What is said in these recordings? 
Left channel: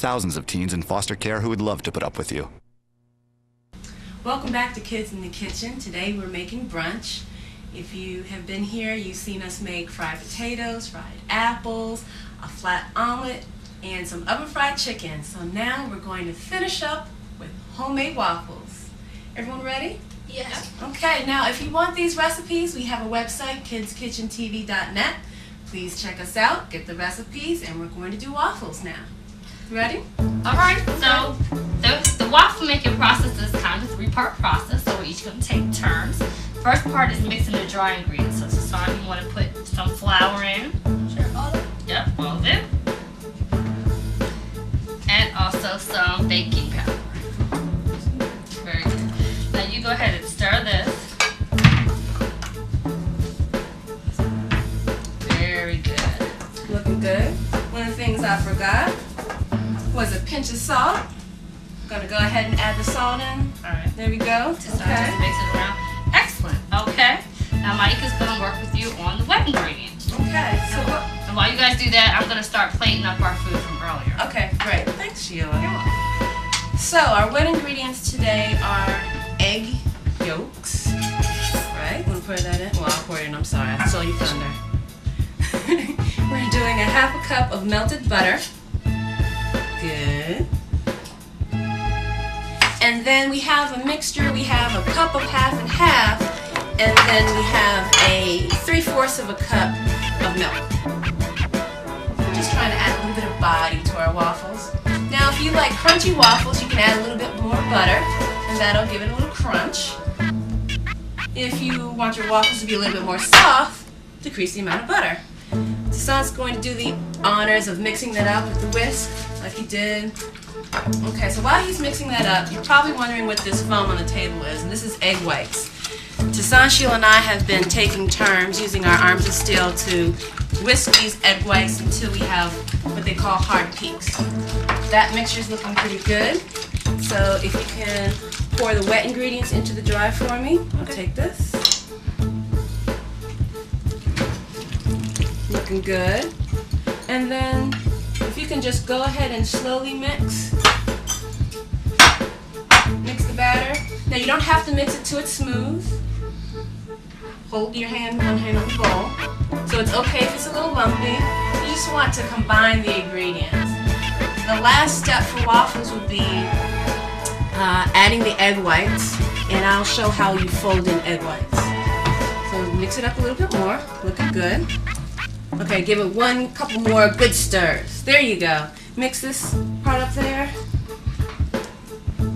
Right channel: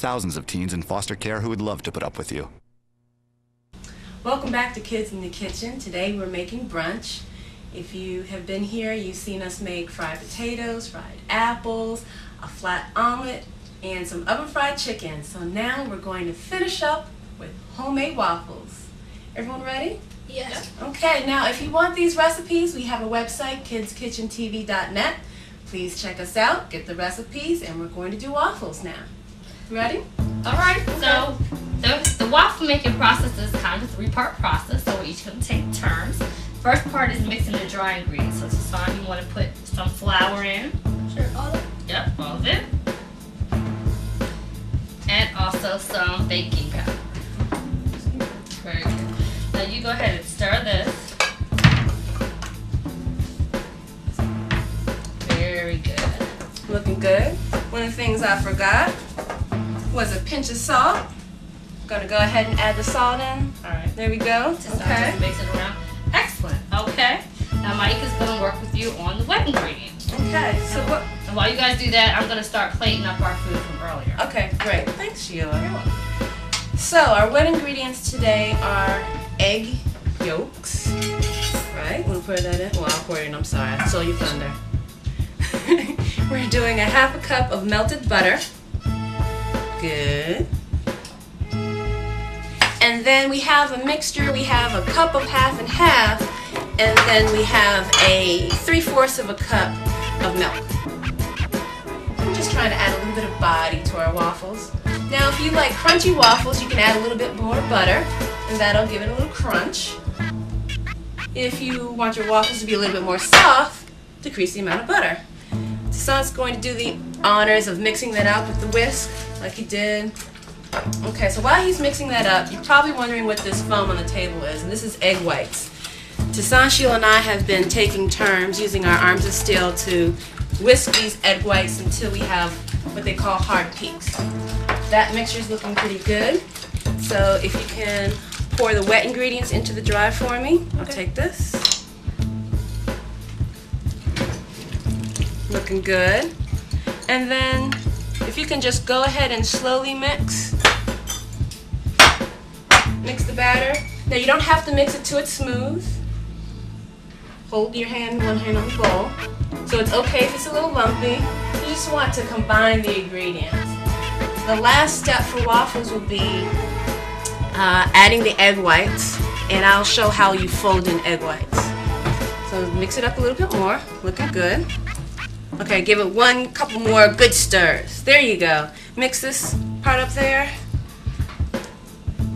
thousands of teens in foster care who would love to put up with you. Welcome back to Kids in the Kitchen. Today we're making brunch. If you have been here, you've seen us make fried potatoes, fried apples, a flat omelet, and some oven-fried chicken. So now we're going to finish up with homemade waffles. Everyone ready? Yes. Okay, now if you want these recipes, we have a website, kidskitchentv.net. Please check us out, get the recipes, and we're going to do waffles now. Ready? Alright, so the waffle making process is kind of a three-part process, so we're each going to take turns. First part is mixing the dry ingredients. So Tuson, you want to put some flour in. Sure, all of it? Yep, all of it. And also some baking powder. Very good. Now you go ahead and stir this. Very good. Looking good. One of the things I forgot was a pinch of salt. I'm going to go ahead and add the salt in. Alright. There we go. Tuson Okay. just mix it around. Excellent. Okay. Now Mike is going to work with you on the wet ingredients. Okay. So what? And while you guys do that, I'm going to start plating up our food from earlier. Okay, great. Thanks, Sheila. You're welcome. So our wet ingredients today are egg yolks. Right? Want to pour that in? Well, I'll pour it in. I'm sorry. I stole your thunder. We're doing a half a cup of melted butter. Good. And then we have a mixture. We have a cup of half and half, and then we have a 3/4 of a cup of milk. I'm just trying to add a little bit of body to our waffles. Now, if you like crunchy waffles, you can add a little bit more butter, and that'll give it a little crunch. If you want your waffles to be a little bit more soft, decrease the amount of butter. Tuson's going to do the honors of mixing that out with the whisk, like he did. Okay, so while he's mixing that up, you're probably wondering what this foam on the table is, and this is egg whites. Tuson, Sheila, and I have been taking turns using our arms of steel to whisk these egg whites until we have what they call hard peaks. That mixture's looking pretty good, so if you can pour the wet ingredients into the dry for me. I'll take this. Looking good. And then if you can just go ahead and slowly mix the batter. Now you don't have to mix it till it's smooth. Hold your hand, one hand on the bowl. So it's okay if it's a little lumpy. You just want to combine the ingredients. The last step for waffles will be adding the egg whites, and I'll show how you fold in egg whites. So mix it up a little bit more. Looking good. Okay, give it one couple more good stirs. There you go. Mix this part up there.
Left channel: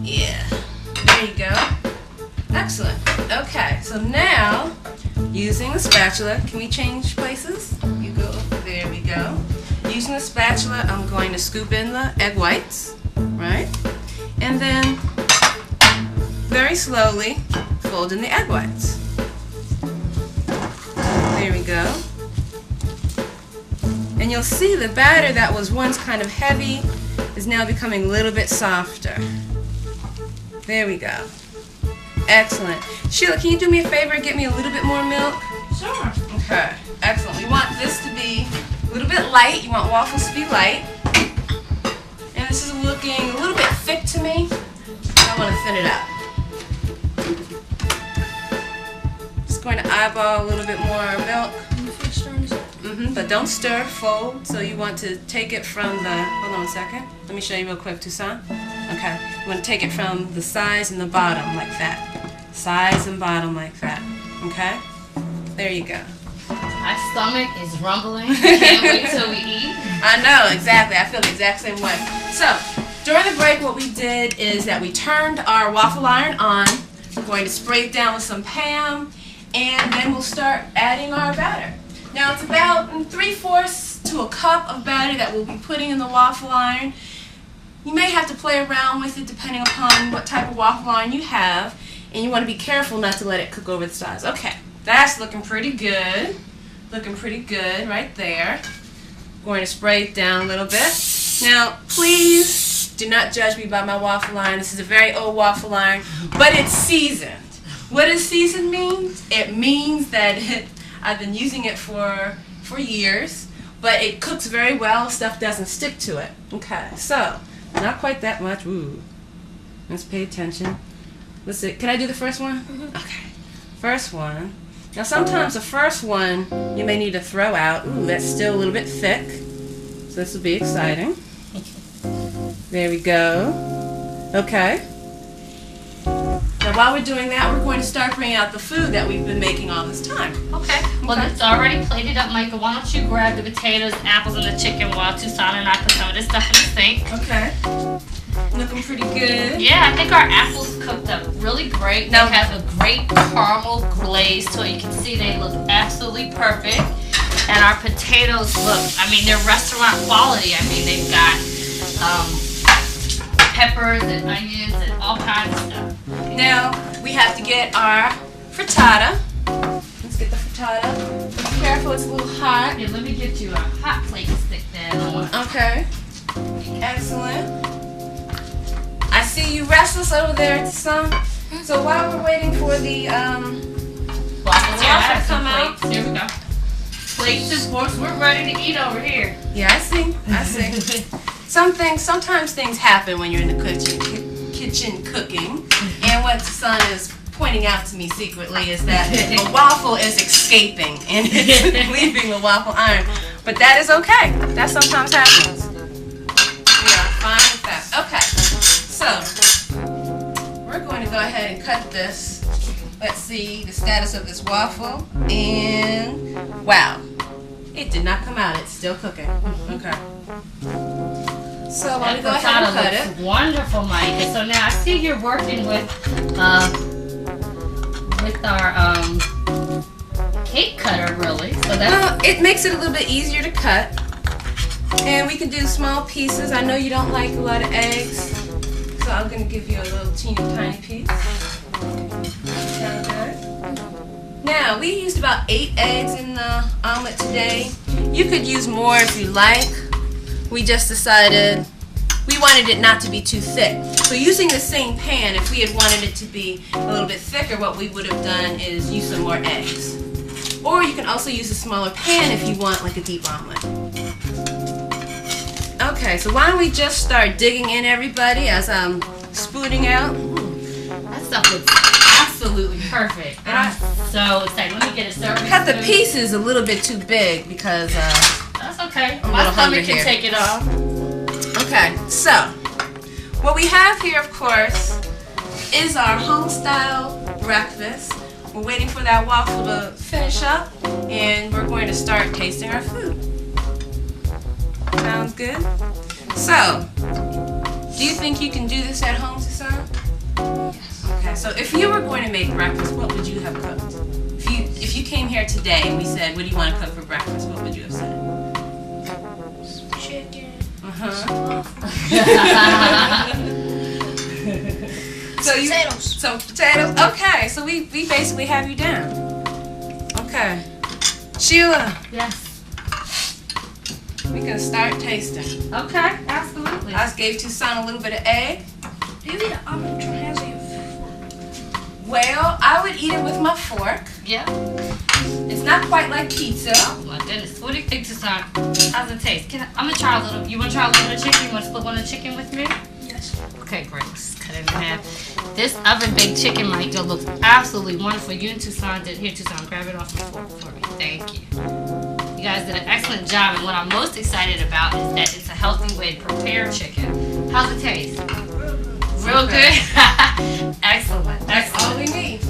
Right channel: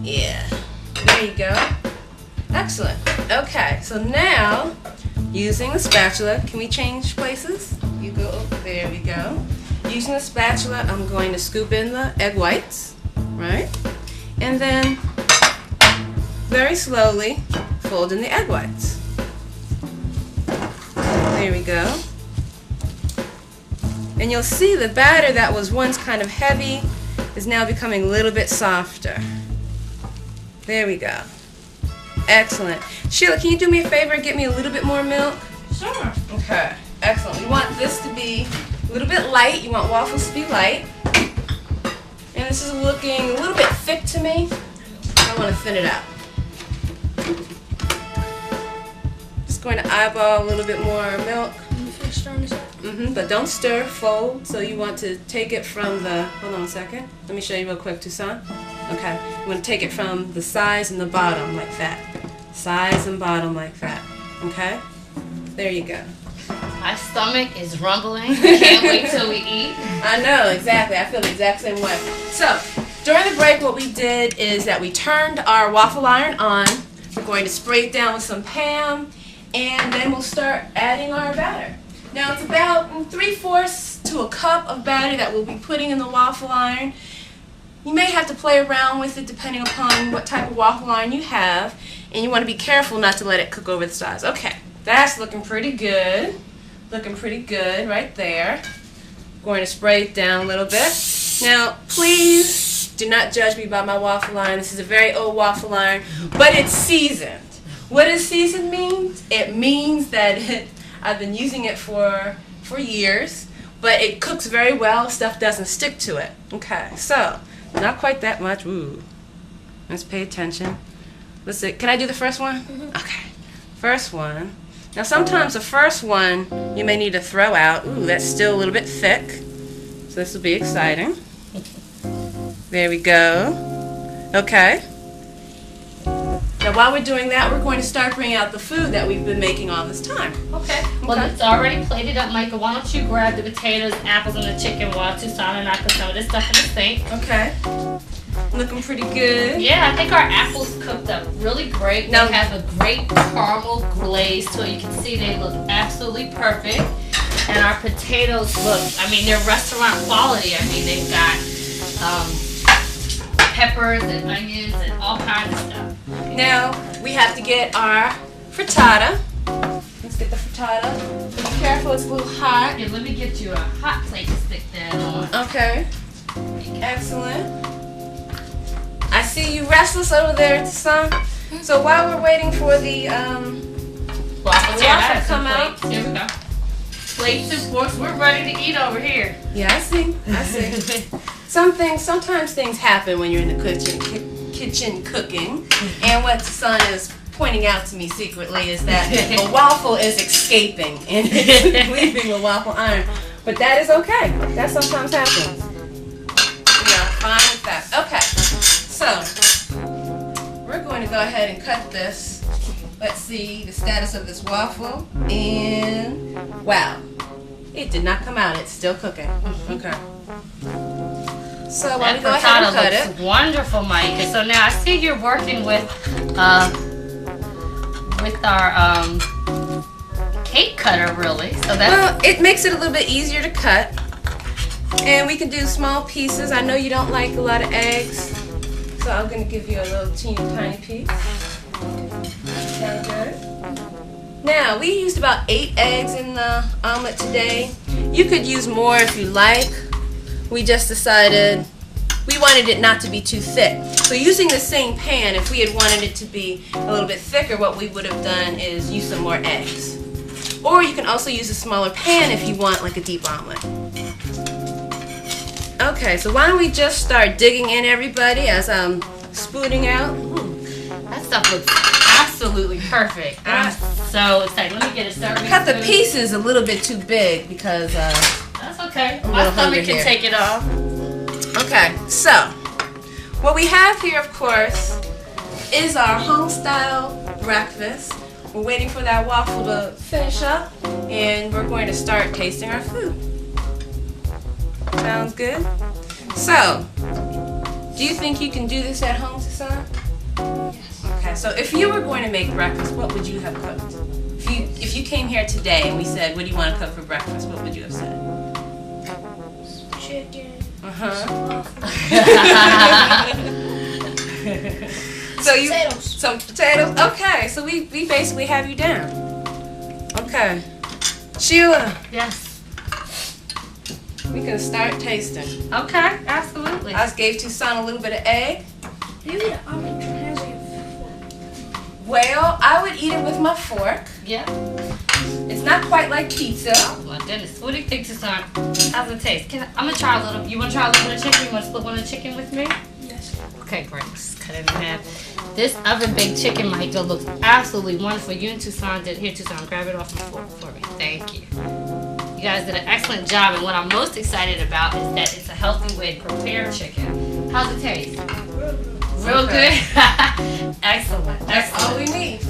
Yeah, there you go. Excellent. Okay, so now, using the spatula, can we change places? You go, there we go. Using the spatula, I'm going to scoop in the egg whites, right? And then, very slowly, fold in the egg whites. There we go. And you'll see the batter that was once kind of heavy is now becoming a little bit softer. There we go. Excellent. Sheila, can you do me a favor and get me a little bit more milk? Sure. Okay. Excellent. We want this to be a little bit light. You want waffles to be light. And this is looking a little bit thick to me. I want to thin it up. Just going to eyeball a little bit more milk. But don't stir, fold. So you want to take it from the, hold on a second. Let me show you real quick, Tuson. Okay, you want to take it from the sides and the bottom like that. Sides and bottom like that. Okay? There you go. My stomach is rumbling. I can't wait till we eat. I know, exactly. I feel the exact same way. So, during the break, what we did is that we turned our waffle iron on. We're going to spray it down with some Pam, and then we'll start adding our batter. Now it's about 3/4 to a cup of batter that we'll be putting in the waffle iron. You may have to play around with it depending upon what type of waffle iron you have, and you want to be careful not to let it cook over the sides. Okay, that's looking pretty good. Looking pretty good right there. Going to spray it down a little bit. Now, please do not judge me by my waffle iron. This is a very old waffle iron, but it's seasoned. What does seasoned mean? It means that I've been using it for years, but it cooks very well. Stuff doesn't stick to it. Okay, so Not quite that much. Ooh. Let's pay attention. Let's see. Can I do the first one? Mm-hmm. Okay. First one. Now sometimes the first one you may need to throw out. Ooh, that's still a little bit thick. So this will be exciting. There we go. Okay. Now while we're doing that, we're going to start bringing out the food that we've been making all this time. Okay. Well, it's already plated up, Micah. Why don't you grab the potatoes, apples, and the chicken while Tuson and I put some of this stuff in the sink. Okay. Looking pretty good. Yeah, I think our apples cooked up really great. They have a great caramel glaze, so you can see they look absolutely perfect. And our potatoes look, I mean, they're restaurant quality. I mean, they've got peppers and onions and all kinds of stuff. Now, we have to get our frittata. Let's get the frittata. Be careful, it's a little hot. Yeah, let me get you a hot plate to stick that on. Okay. Excellent. I see you restless over there, Tuson. So while we're waiting for the waffle to come out. Here we go. Plates, of course, we're ready to eat over here. Yeah, I see. Sometimes things happen when you're in the kitchen cooking. And what Tuson is pointing out to me secretly is that a waffle is escaping and it's leaving the waffle iron. But that is okay. That sometimes happens. We are fine with that. Okay. So, we're going to go ahead and cut this. Let's see the status of this waffle. And, wow. It did not come out. It's still cooking. Okay. So, let me go ahead and cut it. Wonderful, Mike. So now I see you're working with our cake cutter, really. So that's well, it makes it a little bit easier to cut. And we can do small pieces. I know you don't like a lot of eggs, so I'm going to give you a little teeny tiny piece. Now, we used about 8 eggs in the omelet today. You could use more if you like. We just decided we wanted it not to be too thick. So using the same pan, if we had wanted it to be a little bit thicker, what we would have done is use some more eggs. Or you can also use a smaller pan if you want like a deep omelet. Okay, so why don't we just start digging in, everybody, as I'm spooning out. That stuff looks absolutely perfect. I'm so excited. Let me get it started. Cut the pieces a little bit too big because that's okay. My stomach can take it off. Okay, so what we have here, of course, is our home-style breakfast. We're waiting for that waffle to finish up, and we're going to start tasting our food. Sounds good? So, do you think you can do this at home, Tuson? Yes. Okay, so if you were going to make breakfast, what would you have cooked? If you came here today and we said, what do you want to cook for breakfast, what would you have said? Chicken. Potatoes. Some potatoes. Okay, so we basically have you down. Okay. Sheila. Yes. We can start tasting. Okay, absolutely. I just gave Tuson a little bit of egg. Maybe the omelet has a Well, I would eat it with my fork. Yeah. It's not quite like pizza. Oh my goodness. What do you think, Tuson? How's it taste? I'm gonna try a little. You wanna try a little bit of chicken? You wanna split one of the chicken with me? Yes. Okay, great. Just cut it in half. This oven baked chicken, Michael, looks absolutely wonderful. You and Tuson did. Here, Tuson, grab it off the fork for me. Thank you. You guys did an excellent job, and what I'm most excited about is that it's a healthy way to prepare chicken. How's it taste? Real good? Excellent. That's all we need.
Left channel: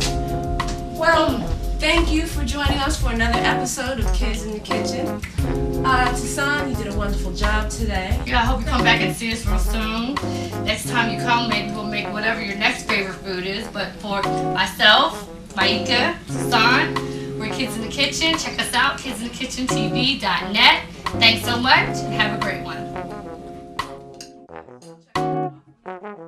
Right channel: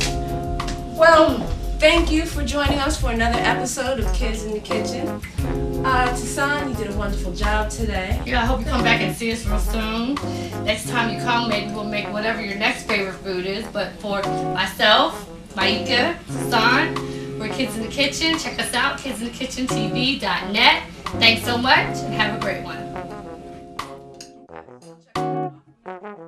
Well, thank you for joining us for another episode of Kids in the Kitchen. Tuson, you did a wonderful job today. Yeah, I hope you come back and see us real soon. Next time you come, maybe we'll make whatever your next favorite food is. But for myself, Maika, Tuson, we're Kids in the Kitchen. Check us out, kidsinthekitchentv.net. Thanks so much, and have a great one.